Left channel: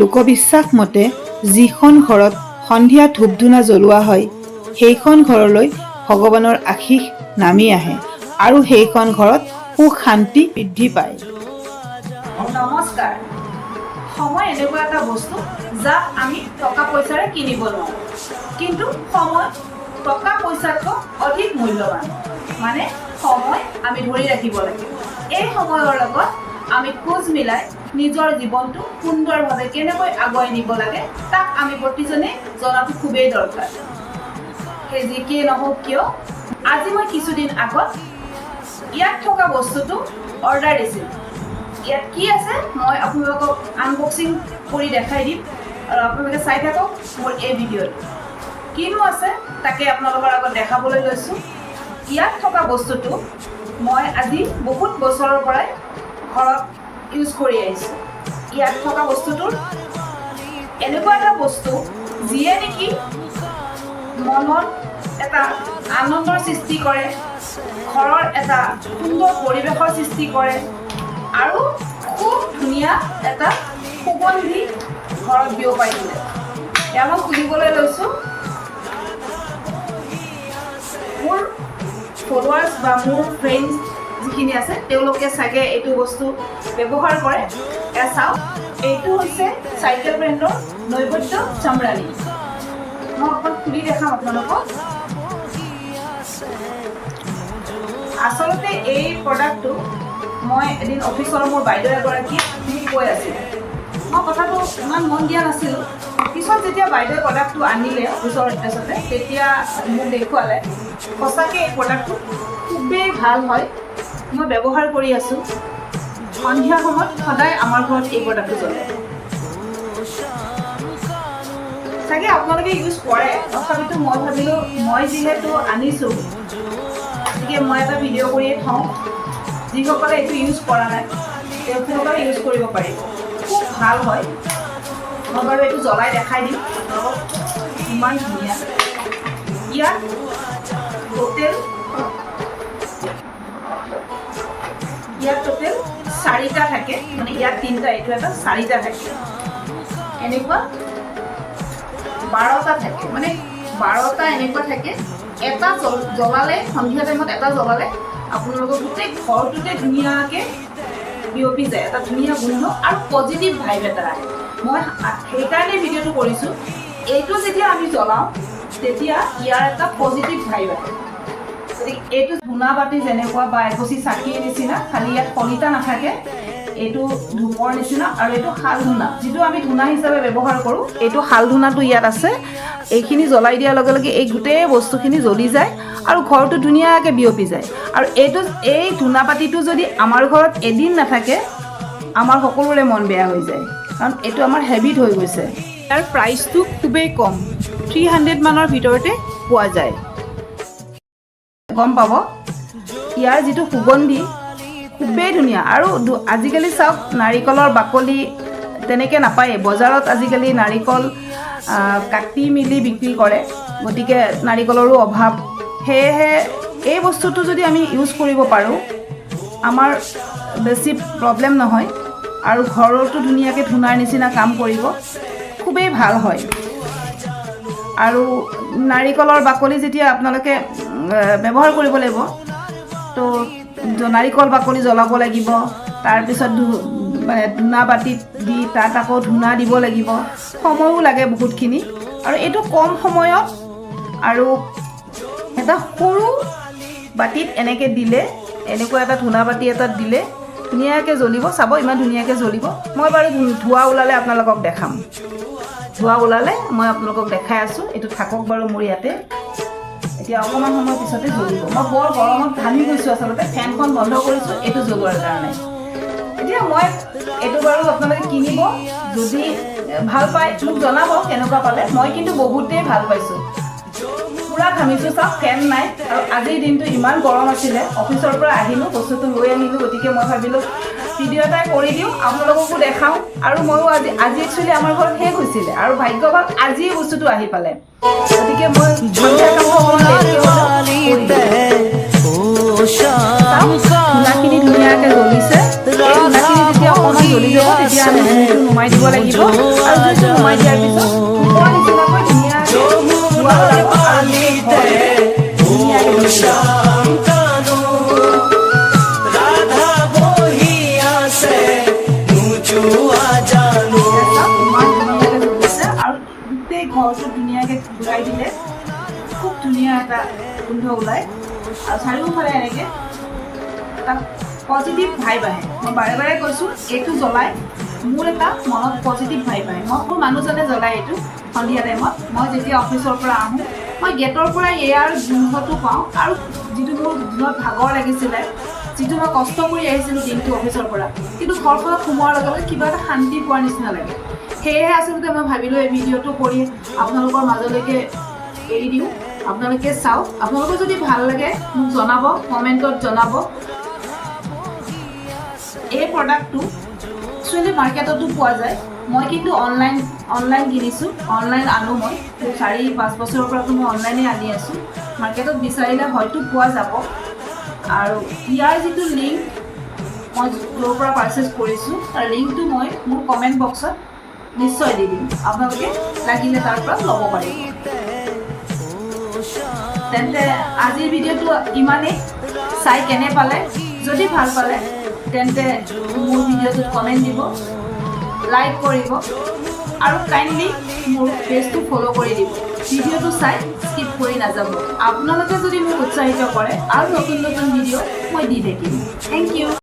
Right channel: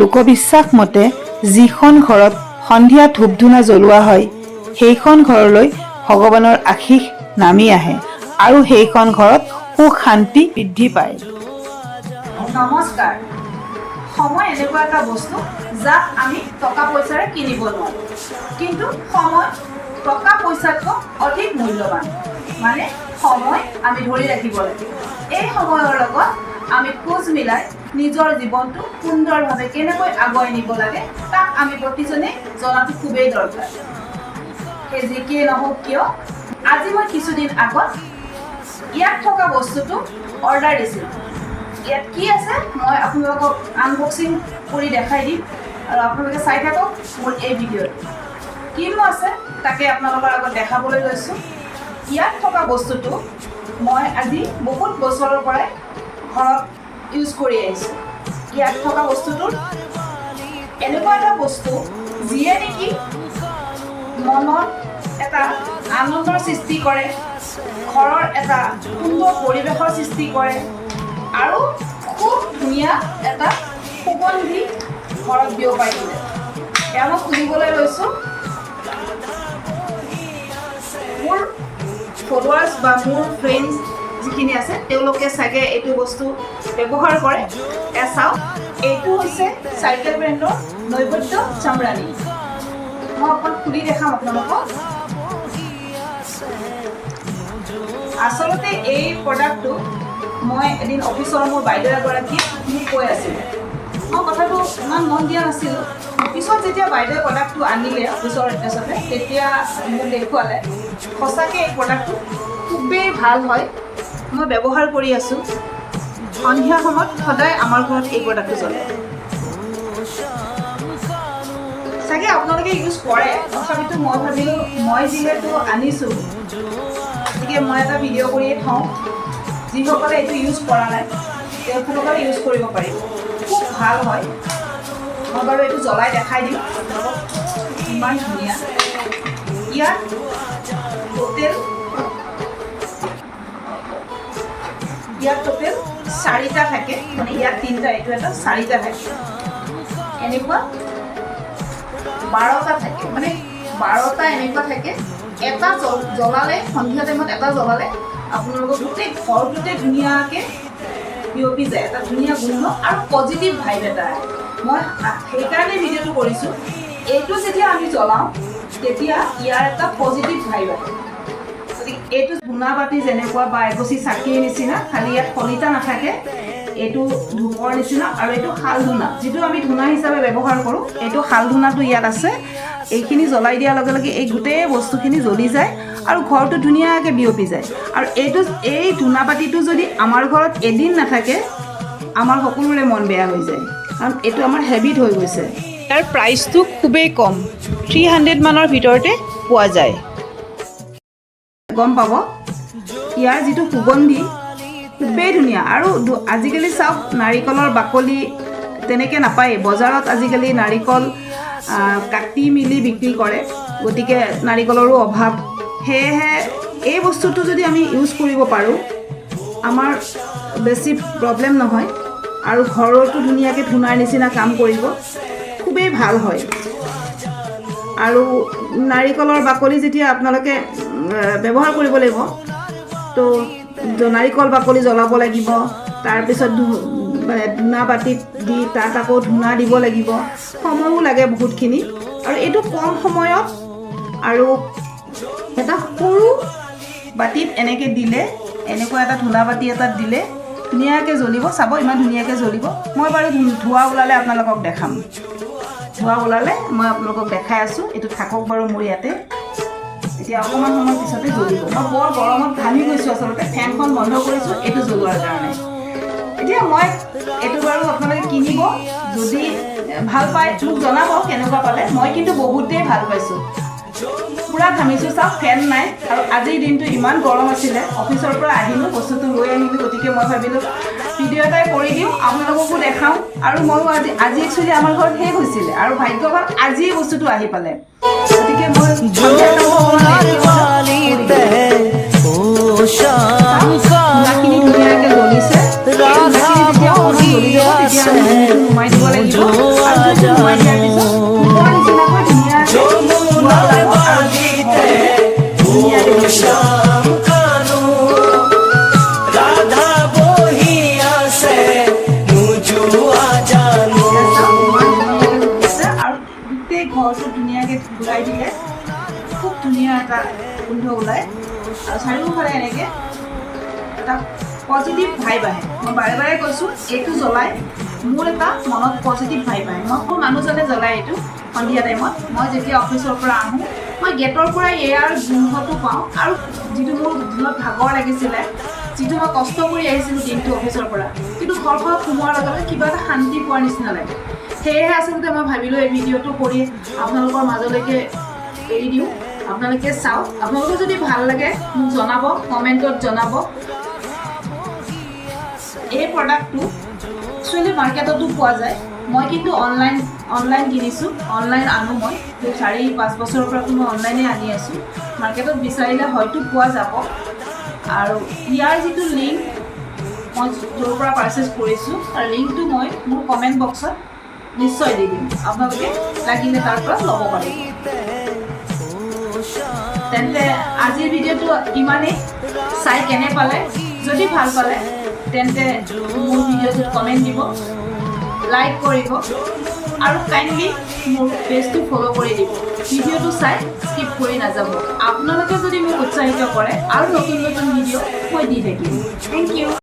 লোকবিশ্বাস মতে যিখন ঘৰত সন্ধিয়া ধূপ ধূনা জ্বলোৱা হয় সেইখন ঘৰলৈ ভগৱানৰ আশীষ নামি আহে আৰু সেইখন ঘৰত সুখ শান্তি বৃদ্ধি পায়। নমস্কাৰ। সময় এনেকুৱা এটা বস্তু যাক আমি টকা পইচাৰে কিনিব নোৱাৰোঁ, কিন্তু সময় টকা পইচাতকৈ অধিক মূল্যৱান। মানে সময় আমি ধৰি ৰাখিব লাগে। এই সময়ৰ লগত আমি খোজ মিলাই নিজৰ জীৱনটো সুন্দৰভাৱে কেনেকৈ আগুৱাই নিব লাগে তাক আমি প্ৰতিজনে জনাটো খুবেই দৰকাৰ। সেই যি কি নহওক কিয়, আজি মই কিছুদিন আগত ইয়াত থকা বস্তুটো অৰ্ডাৰ দিছিলোঁ। ইয়াত কি আছে মই আপোনালোকক আনবক্সিং কৰি দেখাই দিম আৰু আপোনালোকে চাই থাকক মোৰ এই ভিডিঅ'ত। কিনো আছে তাকে আপোনালোকৰ আগত দেখাবলৈ লৈছোঁ। ইয়াত থকা বস্তুটো মই আজি বহুত বছৰৰ পৰাই ঘৰত ইউজ কৰি আহিছোঁ। ইয়াত থকা বস্তুটোৰ এনেকুৱা এটা বস্তু যিয়ে নেকি মনত এটা আনন্দৰ সৃষ্টি কৰে, ঘৰৰ এটা সুন্দৰ পৰিৱেশৰ সৃষ্টি কৰে আৰু খুব ধুনীয়া এটা সুগন্ধি ঘৰত বিয়পাই দিলে। এয়া মই খুলিবলৈ লৈছোঁ। মোৰ ফলোৱাৰ্ছ বা মোৰ ফ্ৰেণ্ডছ যিখিনি আছে তেওঁলোকে চাগে এইটো বস্তু ব্যৱহাৰ কৰে। এয়া চাওক, এইটো হৈছে চাইকেল ব্ৰেণ্ডৰ নৈবদ্য চামৰাণী। মই অকণ খুলি দেখাম আপোনালোকক। আচলতে এই প্ৰডাক্টটো মই এদিন অফিচৰ মোৰ বাইদেউ এগৰাকীয়ে মোক কৈ আছিলে। মই কথাটো ইমান মন দিয়া নাছিলোঁ। পিছত যেতিয়া বাইদেৱে প্ৰডাক্টটো আনিলে অফিচৰ এড্ৰেছতে, তেতিয়া মোক দেখুৱালে। সঁচাকৈ এই প্ৰডাক্টটো খুবেই ভাল হয়। মই ব্যৱহাৰ কৰি আছোঁ। সন্ধিয়া সময়ত সদায় আমাৰ ঘৰত এই প্ৰডাক্টটো জ্বলে। চাগে আপোনালোকে ইউজ কৰে, তথাপিতো মই ভাবিলোঁ মই যিহেতু আনিছোঁ গতিকে মই এটা ভিডিঅ' কৰিয়ে থওঁ। যিসকলে এইটো ইউজ কৰা নাই তেওঁলোকে ইউজ কৰিব পাৰিব। খুব ভাল হয়। মই বাৰু এইটো জ্বলাই দেখাই দিম। ইমান ধুনীয়া। ইয়াত টোটেল 4টা থাকে, মানে ইয়াত 3টা, এইটো এটা 4টা থাকে। এনেকুৱা 12টা থাকে, মানে 12টা এনেকুৱা থাকে। এটা জ্বলালে, সন্ধিয়া টাইমত এটা জ্বলালে আপোনালোকৰ গোটেই ঘৰটোতে ধুনীয়াকৈ বিয়পি যায়। এটা ধুনীয়া গোন্ধ আৰু পজিটিভ ভাইব এটা আহে। মই সেইকাৰণে ভিডিঅ'টো কৰিছোঁ। এইটো যেতিয়া আমি জ্বলাওঁ তেতিয়া ইয়াৰ এটা পজিটিভ ভাইব আহে। গতিকে এইটো ধূনা বাতি যেনেকুৱা বা এগছি চাকিৰ নিচিনা, খালি ইয়াত কলিতা নাথাকে। এইটো ধূপৰ নিচিনা আৰু এইটো শাল ধূনা, যিটো আমি ধূনা হিচাপে ব্যৱহাৰ কৰোঁ। এইটো শাল ধূনাটো ইয়াত আছে। এইখিনি জ্বলাই দিয়াৰ লগে লগে এই গোটেই বস্তুখিনি জ্বলি যায় আৰু ঘৰটো ধুনীয়াকৈ বিয়পি যায়। আৰু এই ধূনা বাতিটো যদি আমাৰ ঘৰত এদিন নাথাকে, আমাৰ সকলোৰে মন বেয়া হৈ যায়, কাৰণ এইটো আমাৰ হেবিট হৈ গৈছে। ইয়াৰ প্ৰাইচটো খুবেই কম, 300 মানৰ ভিতৰতে পোৱা যায়। গম পাব ইয়াৰ যিটো সুগন্ধি খুবেই ধুনীয়া। আৰু আজিকালি চাওক, নাৰিকলৰ বাকলি তেনেকৈ নাপায়েই বজাৰত। আজিকালি নাৰিকল কাটি মেলি বিক্ৰী কৰে, গতিকে নাৰিকলৰো অভাৱ। সেয়েহে এই বস্তুটো যদি আমি ইউজ কৰিব পাৰোঁ, আমাৰ বেছি প্ৰব্লেম নহয় আৰু ঘৰতো ধুনীয়াকৈ ধূনাৰ নিচিনা কাম কৰিব। খুবেই ভাল হয়। আৰু নাৰিকলৰ বাকলি যেতিয়া আপোনালোকে ব্যৱহাৰ কৰিব লাগিব, তো নাৰিকল বাকলি জ্বলাব লাগিব। তাৰপিছত মানে ধূনা বাতিত দি তাত আকৌ ধূনা দিব লাগিব। সময়ো লাগে বহুতখিনি। আৰু এইটো কম সময়ত আৰু এটা সৰু বাতিত এনেকৈ দিলে, এনেকুৱা এটা ধূনা বাতি এটাত দিলে ধুনীয়াকৈ জ্বলিব। চাব ইমান ধুনীয়াকৈ জ্বলিব। মই বাৰু ধোঁৱা ওলালে আপোনালোকক দেখাম। ধোঁৱা ওলালে মই আপোনালোকক দেখাই আছোঁ। এইটো থাকক বাৰু মোৰ ইয়াতে। এতিয়া অকণমান সময় পিছতে জ্বলিব। মই বৰ গৰমত ঘামি গৈছোঁ, আচলতে ফেনখন বন্ধ কৰিছোঁ এইটো জ্বলোৱাৰ কাৰণে। এতিয়া মই এইটো বাৰু আপোনালোকে কিনিব, যদি ভাল পায় মোক জনাব কেনেকুৱা পালে। মই কিন্তু বহুতেই ভাল পাইছোঁ। পূৰা ঘামিছোঁ। চাওক, ফেন নাই আৰু আজিৰ দিনটো ইমান গৰম আছিলে। অফিচৰ পৰা আহিলোঁ, বস্তুটো লৈ আহিলোঁ, গতিকে মই ভাবিলোঁ ভিডিঅ' এটাই কৰি দিওঁ, আপোনালোককো দেখাওঁ। আৰু ময়ো আজি একচুৱেলি আমাৰ ঘৰত শেষ হৈছিলে আৰু ভাগ্যৱান আজি বস্তুটো আহি পালে। গতিকে মই ধুনীয়াকৈ জ্বলিছে। জ্বলাই দিলে খুব ধুনীয়া এটা গোন্ধ ওলায় আৰু চাৰিওফালে এনেকৈ এটা পজিটিভ ভাইব আহে। মই বাৰে বাৰে কৈছোঁ এইটো জ্বলাই মোৰ এটা মনত পজিটিভ ভাইব আহে। মোৰ মানুহজনে জ্বলাই এইটো সন্ধিয়া টাইমত। মই যেতিয়া অফিচৰ পৰা আহোঁ মই গেটৰ পৰা এয়াৰ গোন্ধটো পাওঁ আৰু যিটো মোৰ দিনত ভাগৰ লাগিছিলে, যিটো মই কষ্ট কৰি আহিছিলোঁ দিনটো অফিচৰ পৰা, কিন্তু ঘৰখনত সোমোৱাৰ লগে লগে কিবা এটা শান্তি পোৱাৰ নিচিনা লাগে। সেয়েহে আচলতে মই ভাবিলোঁ এই ভিডিঅ'টো কৰি আপোনালোকৰ মাজলৈকে এৰি দিওঁ, আপোনালোকে চাওক। আপোনালোকৰ যদি ভাল লাগে মোক জনাব, কমেণ্টত জনাব। এই প্ৰডাক্টটো একচুৱেলি মাৰ্কেটতো পোৱা যায়, মই কিন্তু অনলাইন কিনিছোঁ, অনলাইন আনো। মই 4-5 বছৰৰ পৰাতো মই অনলাইনে আনি আছোঁ। মাৰ্কেটত বিচাৰিলে হয়তো পোৱা যাব। আৰু ইয়াৰ যিটো লিংক মই য'ৰ পৰা পাৰ্চেছ কৰিছোঁ তাৰ লিংকটো মই মোৰ কমেণ্ট বক্সত নিশ্চয় দি দিম, আপোনালোকে লাগিলে তাৰ পৰা ল'ব পাৰিব। তেন্তে আজিৰ ভিডিঅ'টো ইমানেই। চাই কেনে পালে, যদি ভাল পালে তেন্তে মোৰ ভিডিঅ'টোত কমেণ্ট দিব, লাইক কৰিব আৰু কাইণ্ডলি মোৰ পেজটো ফ'ল' কৰি দিব। ভিডিঅ'টো চাই স্কিপ কৰি নাযাব। আপোনালোকে যদি মোক উৎসাহিত কৰে আৰু নতুন নতুন ভিডিঅ' মই দি থাকিম। Thank U.